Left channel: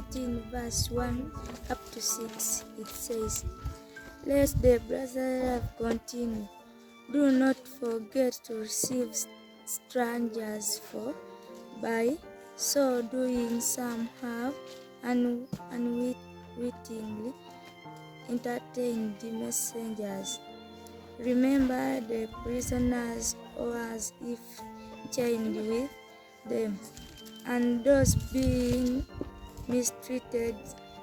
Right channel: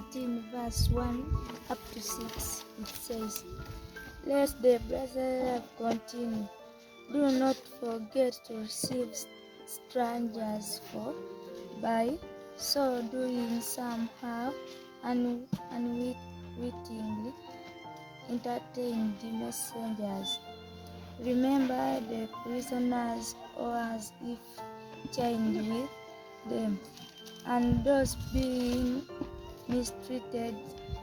13 verse 1 up to 6, it says, "Let the brotherly love continue. Do not forget to receive strangers, for by so doing some have unwittingly entertained the messengers. Remember the prisoners, or as if chained with them, and those being mistreated,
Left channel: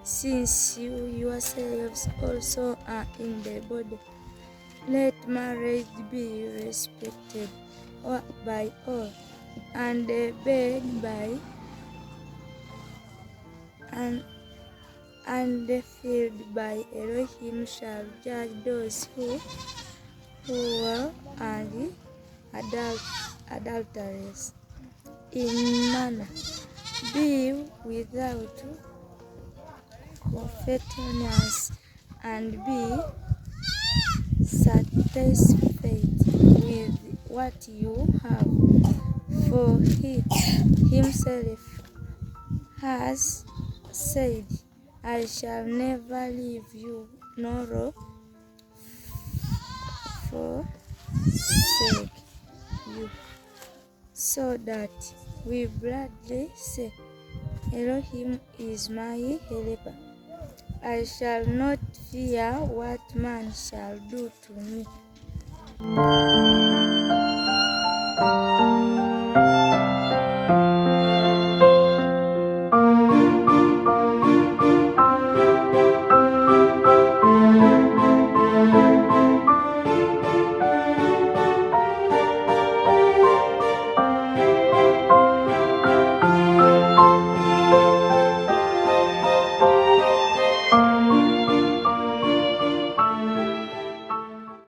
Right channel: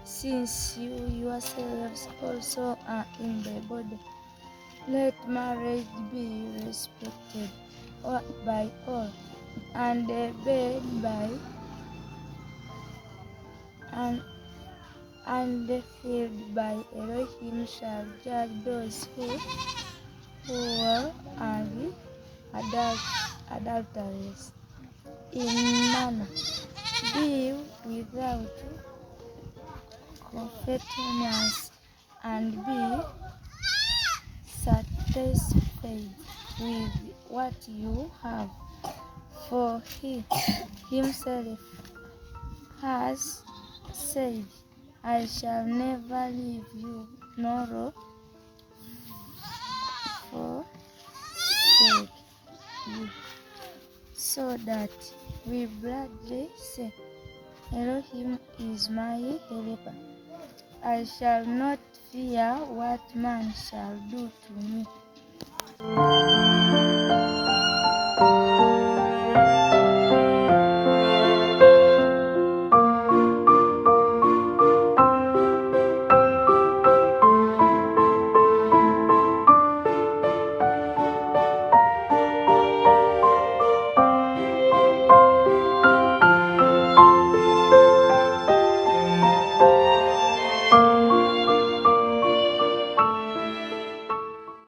since you yourselves also are in the body. Let marriage be respected by all, and obeyed by and filled by Elohim shall judge those who were and adulterers in manner. Be without covetousness, and be satisfied with what you have, for he himself has said, I shall never leave you nor forsake you. So that we boldly say, Elohim is my helper. I shall not fear what man shall do to me."